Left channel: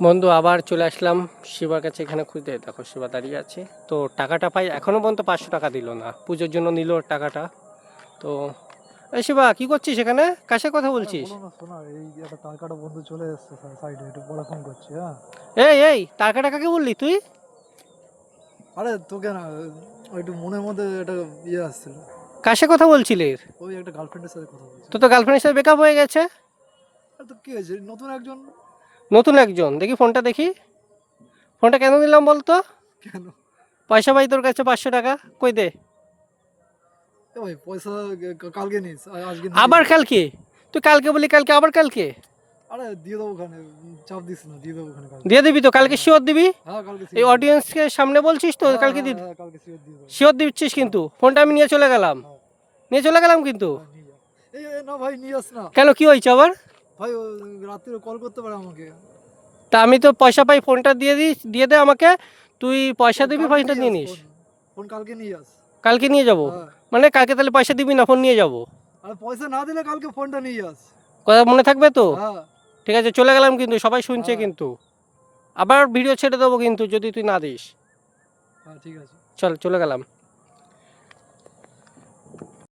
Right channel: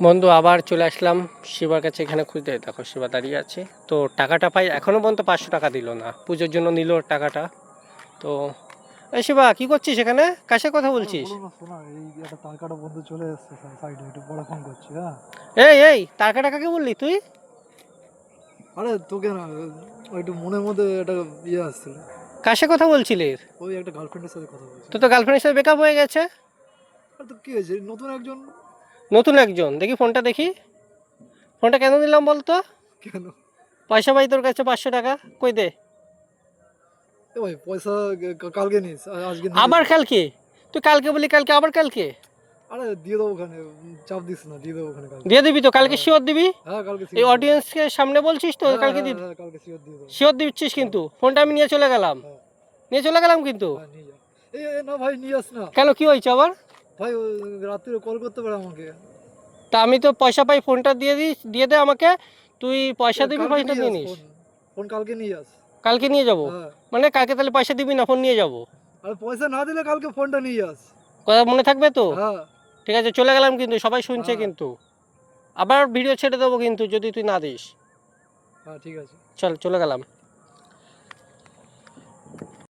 বন্ধু আবার চলে আসলাম শিবার কাছে, এখানে খুঁজতে। দেখো শিবা দাঁড়িয়ে আছে, তো টাকাটা পাই। এখনো পর্যন্ত 500 টাকা দিল না, পুজোর জন্য নিল টাকাটা। তো এই শিবা কি করছিস এখানে, কার সাথে কথা আরে বলছিস? বলো না, শোনা, এই একটা তার কাটা বন্ধু চলে এসেছে সাইডে, একটু পরে ফোন করছি, হ্যাঁ। এই এই টাকা টাকা কি বললি তুই? আরে তোকে না, ওই একটু মনের মধ্যে একটা ইয়ে আসছিল। কার সাথে কথা বলছিলি? ওই একটা গার্লফ্রেন্ডের সাথে কথা তো বলছিলাম। তো গার্লফ্রেন্ডের সাথে ব্রেকআপ হয়ে গেছে? আর তো কি হয়েছে, নতুন একজন। নতুন একজন? দেখি ফোনটা দেখি। ফোনটা কেন নিলাম বলতো? কেন? পয়সা পাই তোর কাছে 500 টাকা, কই দে। এ ভাই, পয়সা কালকে নিস, আজকে নিয়ে আবার নে। কালকে? তুই কালকে বলি, কালকে আবার কালকে? আরে দিয়ে দেবো ওখানে, চাপ দিস না, দিয়ে দেবো ওখানে কালকে। দিয়ে দিবি তো? কালকে হ্যাঁ, শিওর দিবি? হ্যাঁ, কালকে এই শিওর দিয়ে দেবো। অডিয়েন্সকে সামনে বলছিস তো হ্যাঁ, কালকে হ্যাঁ, দিবি? হ্যাঁ, কালকে শিওর দিয়ে দেবো। শিওর দিচ্ছিস হ্যাঁ, কিন্তু? ফোনটা আমি নিয়ে চলে গেলাম। হ্যাঁ, নিয়ে চলে গেলাম কিন্তু। হ্যাঁ, নিয়ে যা। না ভাই, নিয়ে আস না। কেন, কি হয়েছে আবার? ভাই ও রাত্রে কল করতে পারে আমাকে। তা আমি তো পয়সা পাই, ফোনটা দিয়ে দিই, দিয়ে দে আমাকে। তুই পয়সা দিবি, কালকে পয়সাটা নিয়ে নিয়ে আস নিস। ফোন। ফোন কালকে নিয়ে আস। কালকে নিয়ে যাব? হ্যাঁ। মানে কালকে তাহলে পয়সা দিবি না, ফোন নিয়ে যাব? আরে পয়সা না দিলে কালকে ফোনটা নিয়ে আস। কথা মনে থাকবে তো? হ্যাঁ, ঠিক আছে, চলে গেলাম কিন্তু, সবাই শুনছে হ্যাঁ, কিন্তু। আবার ভিডিও ছেড়ে দেবো কিন্তু যদি তুই না দিস। হ্যাঁ, ঠিক আছে। চল চলে গেলাম।